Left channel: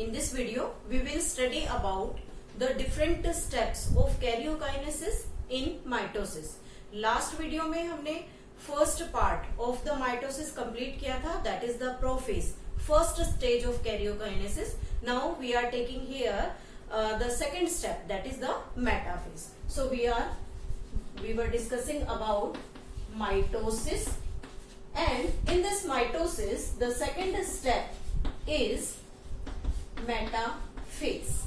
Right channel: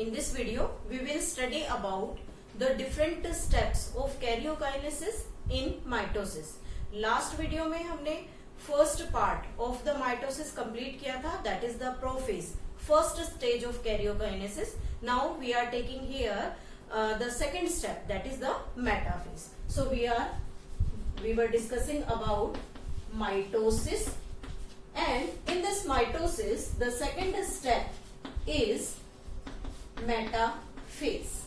In this video, we will study about the different steps of karyokinesis in mitosis. Last video में हमने first part of the mitosis complete किया था, that is the prophase, first stage of karyokinesis. Now we are taking here the second step, that is the metaphase. So we were discussing about mitosis, and in this mitosis the second step is metaphase.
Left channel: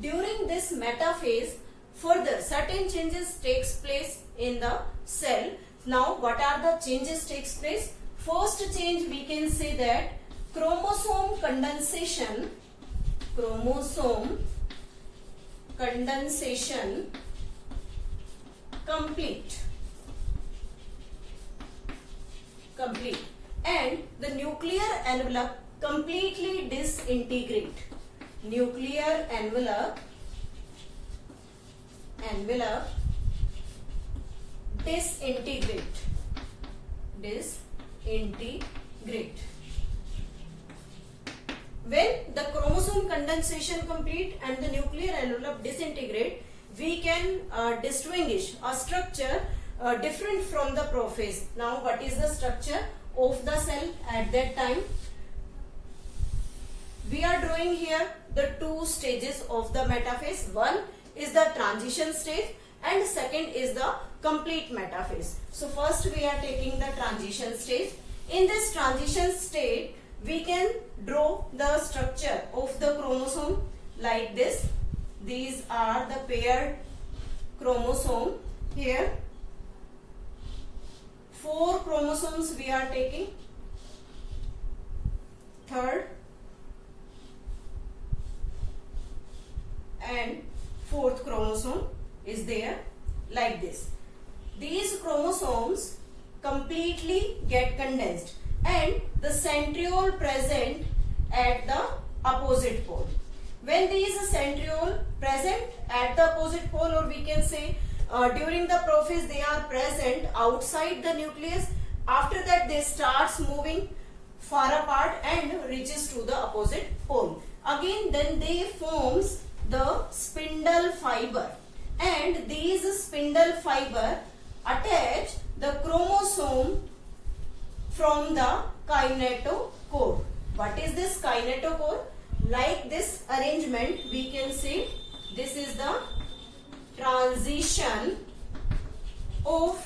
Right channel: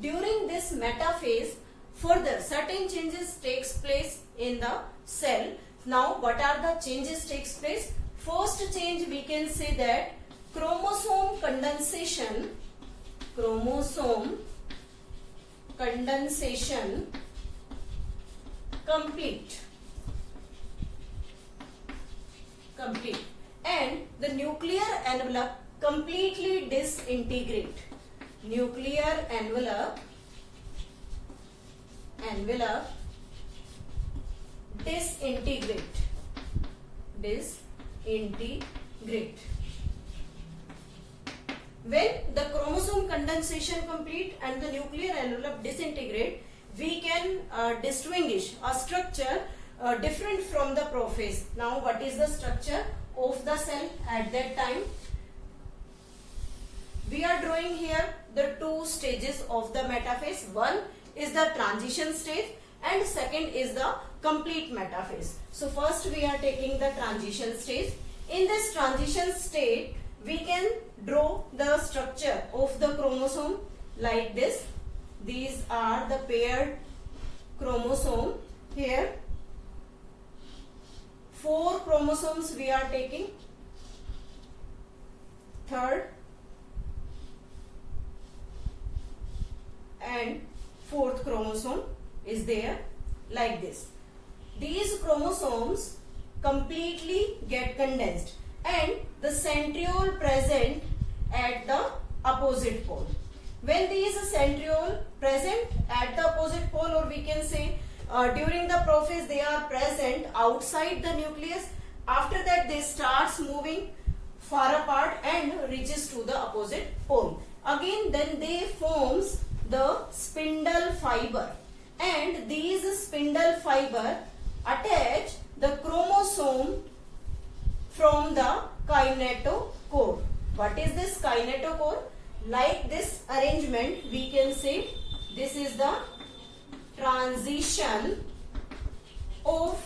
During this metaphase, further certain changes takes place in the cell. Now what are the changes takes place? First change we can say that chromosome condensation complete, and the nuclear envelope completely disintegrate. Nuclear envelope disintegrate. When the chromosome condensation complete and the nuclear envelope disintegrate, we can distinguish a structure different from the prophase. Now what is the structure of the cell at that time? We are drawing here the two stages of the metaphase. One is the transition stage and second is the complete metaphase. So first we are taking the transition stage. In this transition state, we can draw the structure of the chromosome like this. These are the paired chromosome here. 4 chromosomes we are taking. Third and fourth chromosome is there like this. These chromosomes completely get condensed and the centriole present at the opposite pole. When these centriole present at the opposite pole, or we can say during the prophase they are present outside the nucleus, after that they starts moving far apart and reaches to the opposite pole. Again then they forms the spindle fiber, and these spindle fiber attach the chromosome from the kinetochore. What is this kinetochore? Like this arrangement we can say this is the transition of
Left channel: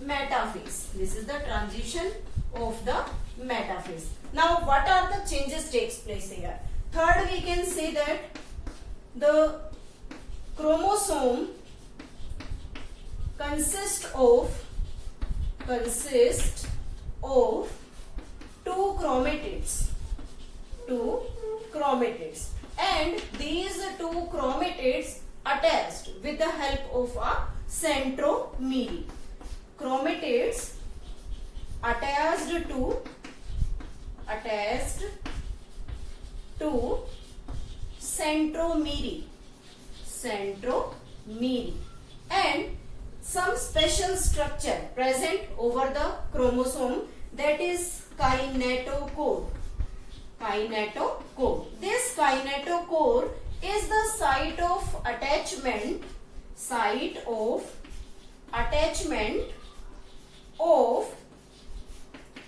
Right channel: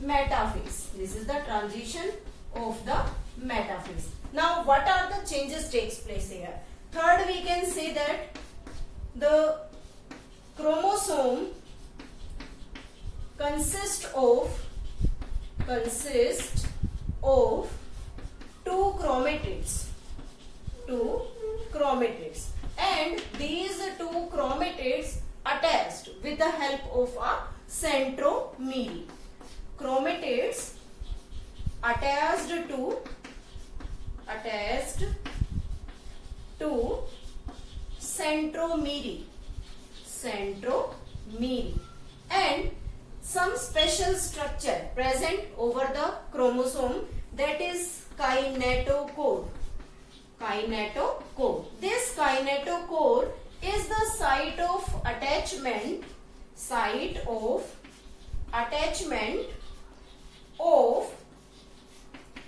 metaphase. This is the transition of the metaphase. Now what are the changes takes place here? Third, we can say that the chromosome consists of two chromatids, and these two chromatids attached with the help of a centromere. Chromatids attached to centromere, and some special structure present over the chromosome, that is kinetochore. This kinetochore is the site of attachment of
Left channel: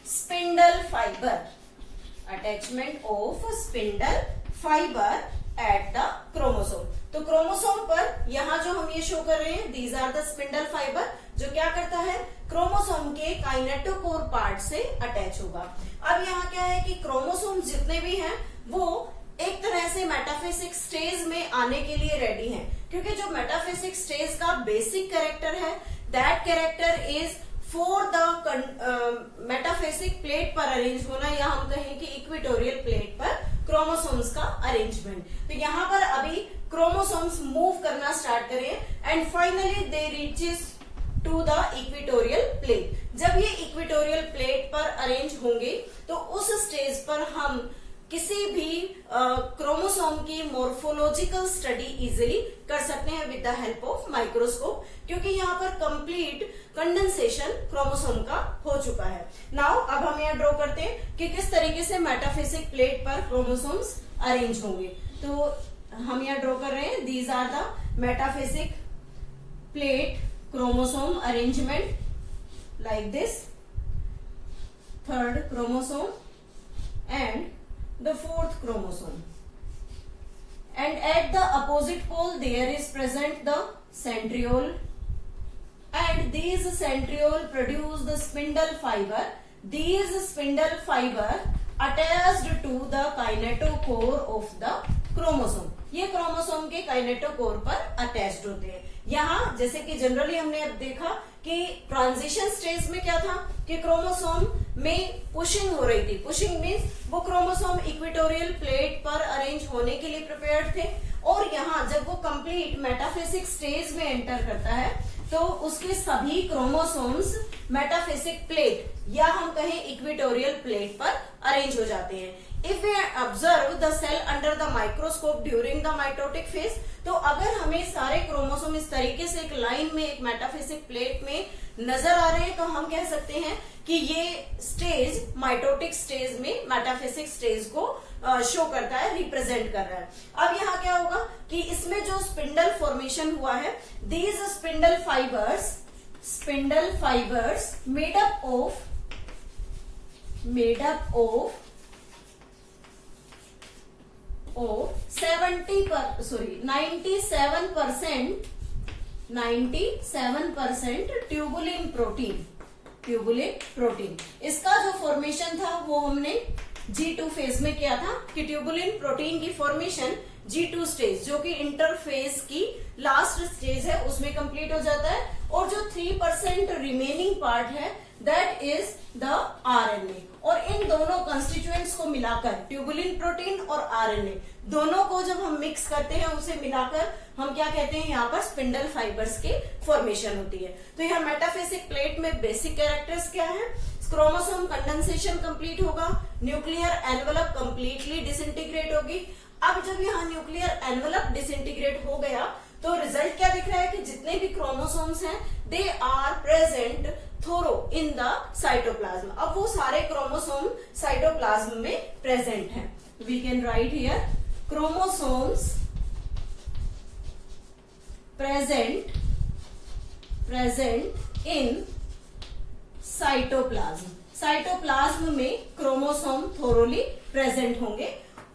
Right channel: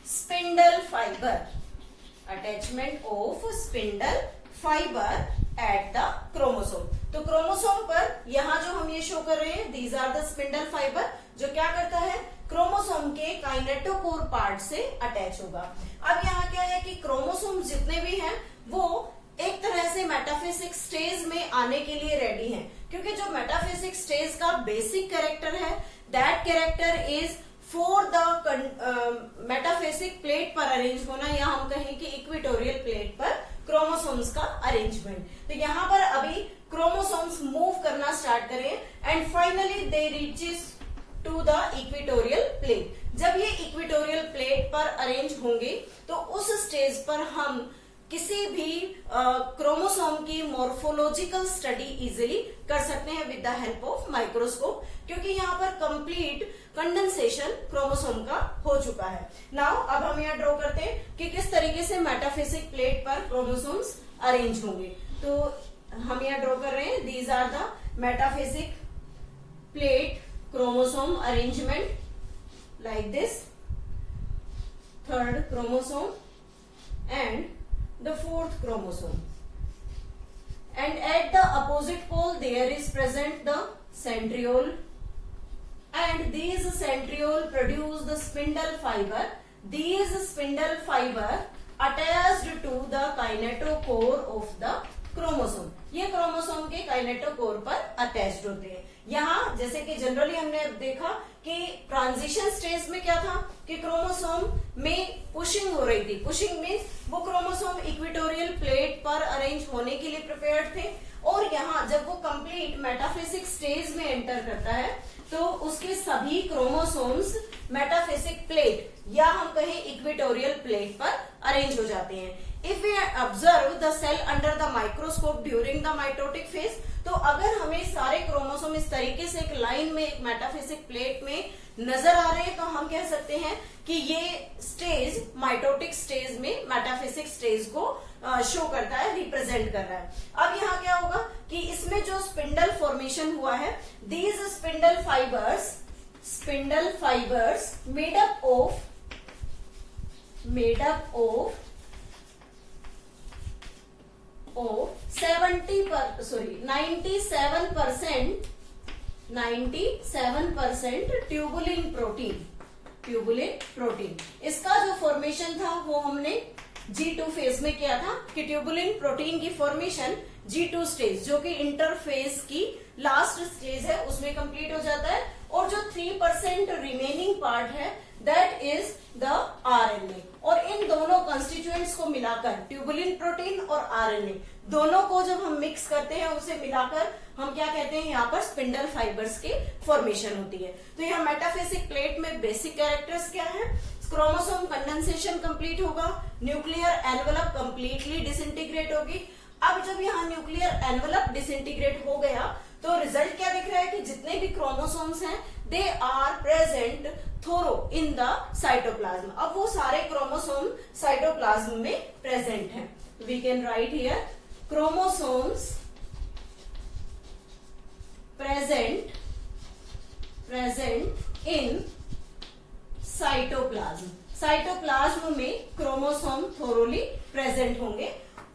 spindle fiber. At the chromosome. तो chromosome पर यहाँ जो हम ये show कर रहे हैं, these are the spindle fiber, जो क्या करता है, क्रोमोसोम के काइनेटोकोर पार्ट से अटैच होगा. अब यहाँ क्या है कि क्रोमोसोम जितने भी हैं वो एक तरह से मेटाफेसिक स्टेज में आने के लिए रेडी हैं, क्योंकि जो मेटाफेसिक स्टेज का बेसिक कैरेक्टर है, that character is for the metaphasic plate पर अरेंज होना, या हम कहें कि इक्वेटोरियल प्लेट पर क्रोमोसोम्स का अरेंजमेंट. तो यहाँ पर अभी क्रोमोसोम्स मूव करना स्टार्ट करें and finally they reaches to the equatorial plate. जब ये इक्वेटोरियल प्लेट पर अरेंज होंगे तो उस स्टेज पर हम किसी भी क्रोमोसोम की मॉर्फोलॉजिकल स्टडी इजिली कर सकते हैं with the help of microscope, क्योंकि यहाँ पर कंप्लीट कंडेंसेशन क्रोमोसोम का हो चुका है। नाउ अब हम यहाँ ड्रॉ करते हैं कि किस तरीके से मेटाफिजिक प्लेट पर क्रोमोसोम्स अरेंज होंगे। तो हम यहाँ ड्रॉ कर रहे हैं, these are the metaphysic plate chromosome arrangement like this, third chromosome and the fourth chromosome, and at the opposite pole there is present the centriole, and these centriole produce the spindle fiber. These spindle fiber attached to the kinetochore of the chromosome, ये chromosome के kinetochore पर attached होते हैं। यहाँ जैसे कि generally हमने अब देखा कि ट्रांजिशन स्टेज में क्या था कि क्रोमोसोम में पुशिंग हो रही थी। पुशिंग मीन्स वो क्रोमोसोम इक्वेटोरियल प्लेट पर अरेंज होने के लिए प्रिपेयर्ड थे, और यहाँ जब वो कंप्लीट मेटाफिजिक स्टेज में एंटर करता है तो उसके सभी क्रोमोसोम्स मेटाफिजिक प्लेट या हम कहें इक्वेटोरियल प्लेट पर अरेंज हो जाते हैं। If we observe the cell under the microscope during the mitotic phase, तो अगर हमें सारे क्रोमोसोम इस तरीके से एक लाइन में एक मेटाफिजिक प्लेट में नजर आ रहे हैं तो हम कह सकते हैं कि ये स्टेज माइटोटिक स्टेज में मेटाफिजिक स्टेज को शो करता है, रिप्रेजेंट कर रहा है। अब यहाँ क्या होगा कि इसमें जो स्पिंडल फॉर्मेशन हुआ है, these spindle fibres made up of 97% tubulin protein. इसका जो फॉर्मेशन था वो हमने G2 फेज में किया था कि ट्यूबुलिन प्रोटीन की फॉर्मेशन G2 स्टेज, जो कि इंटरफेज की लास्ट स्टेज है, उसमें कंप्लीट हो जाता है, और जो 3% रिमेनिंग पार्ट है दैट इज द आरएनए। और इन दोनों कंस्टिट्यूएंट्स को मिलाकर, ट्यूबुलिन प्रोटीन और आरएनए दोनों को जब हम मिक्स करते हैं, उसे मिलाकर हम क्या कहते हैं, यहाँ पर स्पिंडल फाइबर्स की फॉर्मेशन होती है। तो यहाँ मेटाफिजिक प्लेट में बेसिक कैरेक्टर्स क्या है? क्रोमोसोम कंडेंसेशन कंप्लीट होगा, न्यूक्लियर एनवेलप कंप्लीटली डिसइंटीग्रेट होगी। अब जब यहाँ न्यूक्लियर एनवेलप डिसइंटीग्रेट हो गया तो रिजल्ट क्या दिख रहा है कि जितने भी क्रोमोसोम्स हैं they are present thorough in the cytoplasm. अब वो सारे क्रोमोसोम साइटोप्लाज्म में प्रेजेंट हैं। We can write here chromosomes present in cytoplasm में क्रोमोसोम थोरोली प्रेजेंट होंगे।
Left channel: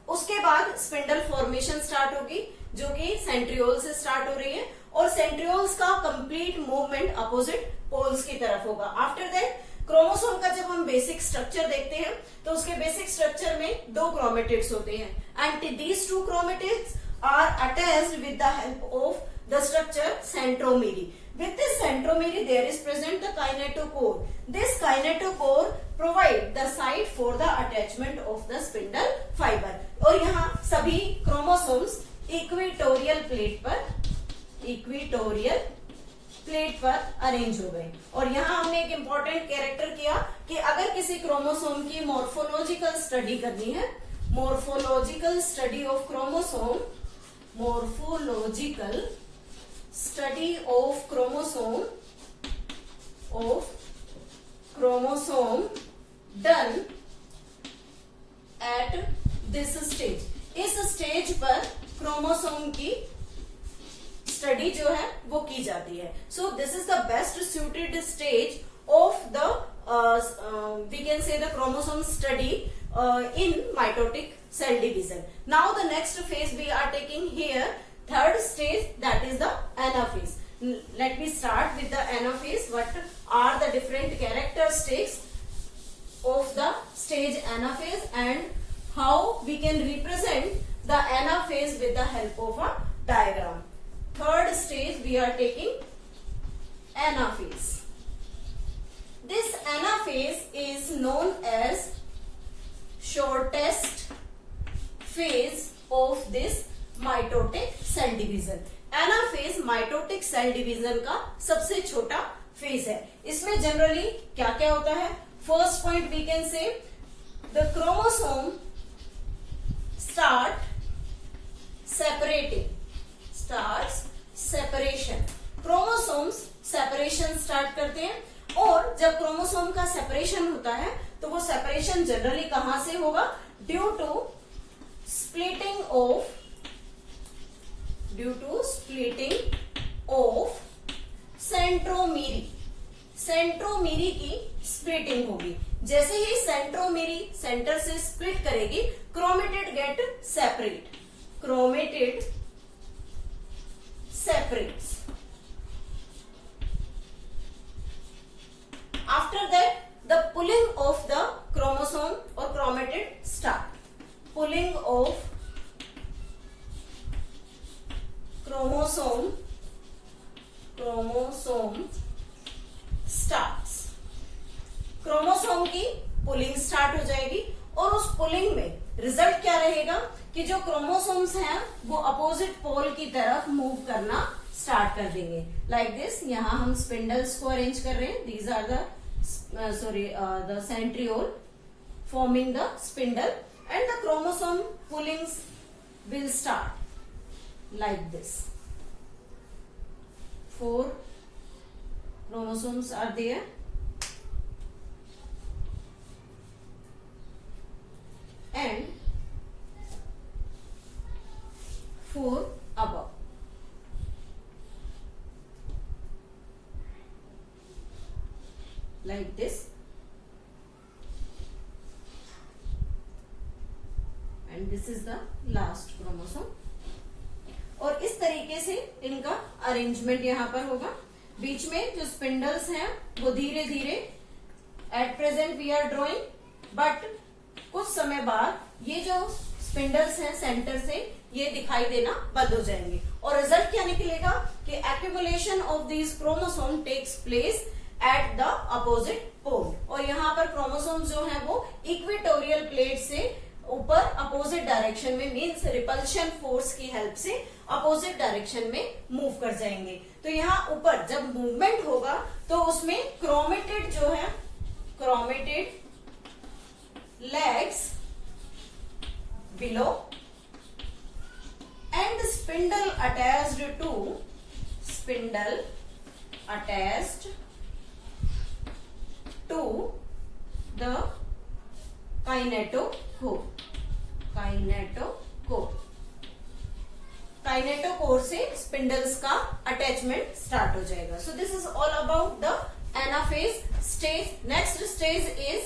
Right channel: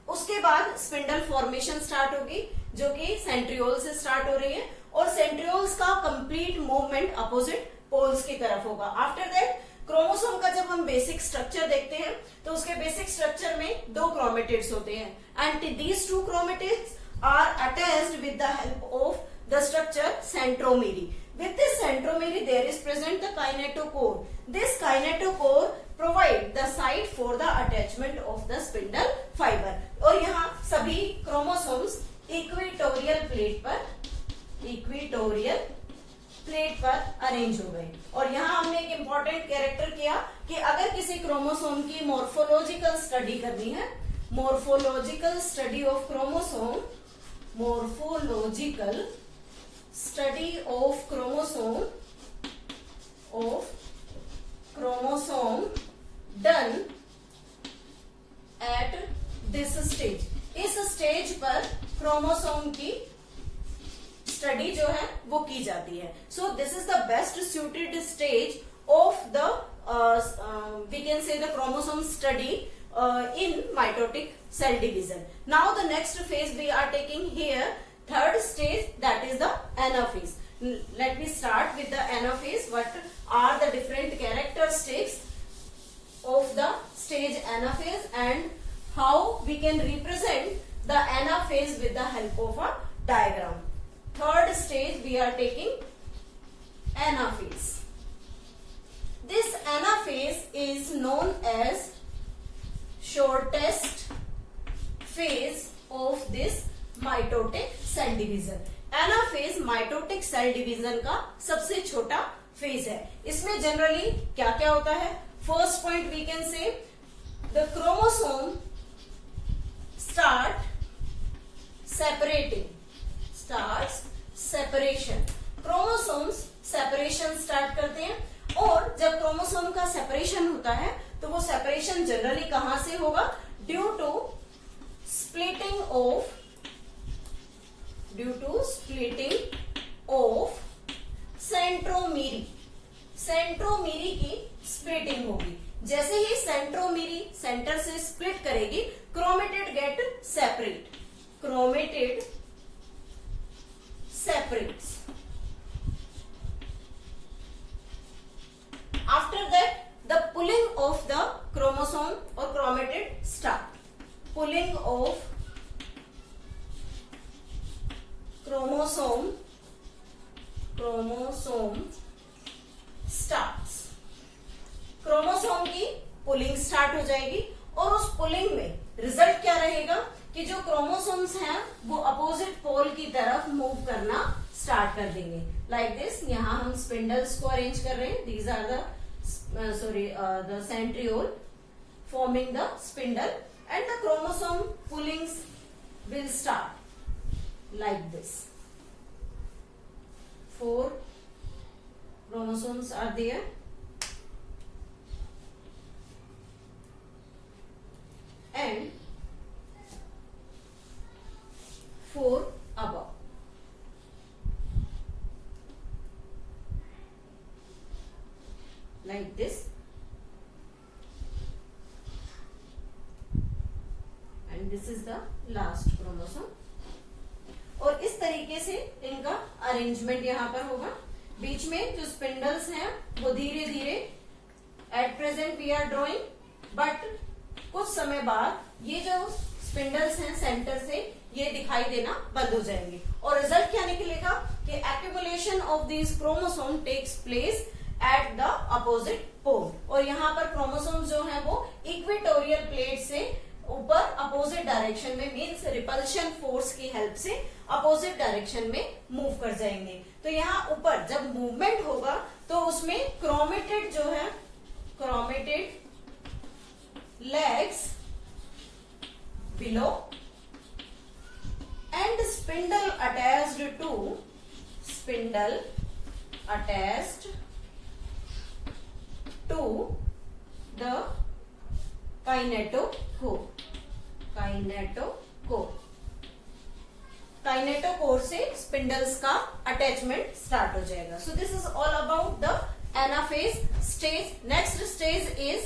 उसके बाद स्पिंडल फॉर्मेशन स्टार्ट होगी, जो कि सेंट्रियोल से स्टार्ट हो रही है, और सेंट्रियोल्स का कंप्लीट मूवमेंट अपोजिट पोल्स की तरफ होगा। आफ्टर दैट क्रोमोसोम का जब हम बेसिक स्ट्रक्चर देखते हैं तो उसके बेसिक स्ट्रक्चर में 2 क्रोमेटिड्स होते हैं, and these 2 chromatids are attached with the help of the structure centromere. With this centromere there is present the kinetochore. This kinetochore provide the site for the attachment of the spindle fiber. और यहाँ सभी chromosomes equatorial plate पर arrange हो गए। और यहाँ हमने एक इम्पॉर्टेंट कैरेक्टर किया कि अगर किसी क्रोमोसोम की मॉर्फोलॉजिकल स्टडी करनी है, morphological study of chromosome, morphological study of chromosome done at this stage. इस स्टेज पर क्रोमोसोम की स्टडी जो है वो की जाती है। So this is the best suited stage of the we can say the chromosome study in mitotic cell division. Now the next phase we are taking here, third stage, that is the anaphase. Let me start with the anaphase. What are the different characteristics of the stage anaphase and how we can represent the anaphase with the help of a diagram. Third stage we are taking anaphase. This anaphase is known as shortest phase of this mitotic cell division. Anaphase mitotic cell division का सबसे छोटा phase है। इसमें generally क्या क्या होता है? First point we can say the start separating, starts separation. Chromosomes separation start करते हैं और जब क्रोमोसोम का सेपरेशन होता है तो वो सेपरेशन जनरली कहां से होगा? Due to splitting of centromere. Centromere की स्प्लिटिंग होगी. जैसे ही सेंट्रोमीरी सेंटर से स्प्लिट करेगी, chromatid get separate. Chromatid separates. After that, the pulling of the chromosome or chromatid start. Pulling of chromosome starts. Chromosome की पुलिंग स्टार्ट हो जाएगी और उस पुलिंग में रिजल्ट क्या रहेगा कि जो क्रोमोसोम्स हैं वो अपोजिट पोल की तरफ मूव करना स्टार्ट कर देंगे. Like this. यहां हम स्पिंडल्स को अरेंज कर रहे हैं. These are the centriole forming the spindle and the chromosome pullings will start like this. 4 chromosomes are there. And 4 above. Like this. And this is the last chromosome. और इस तरीके से इनका अरेंजमेंट यहां पर होगा. बीच में जो स्पिंडल्स हैं वो धीरे धीरे at present we are drawing, but कुछ समय बाद ये जो स्पिंडल्स हैं सेंटर से ये दिखाई देना बंद हो जाएंगे और रिजल्ट क्या निकलेगा कि accumulation of these chromosome takes place at the opposite pole. और यहाँ पर क्रोमोसोम जो है वो इक्वेटोरियल प्लेट से ऊपर अपोजिट डायरेक्शन में, मीन्स रिपल्शन फोर्स की हेल्प से अपोजिट डायरेक्शन में मूव कर जाएंगे. तो यहाँ ऊपर जब मूवमेंट होगा तो उसमें क्रोमेटिड जो है, chromatid legs below and spindle attached to the kinetochore. Kinetochore से स्पिंडल्स का अटैचमेंट स्टार्ट हो जाएगा. So this is all about the anaphase stage. Next stage is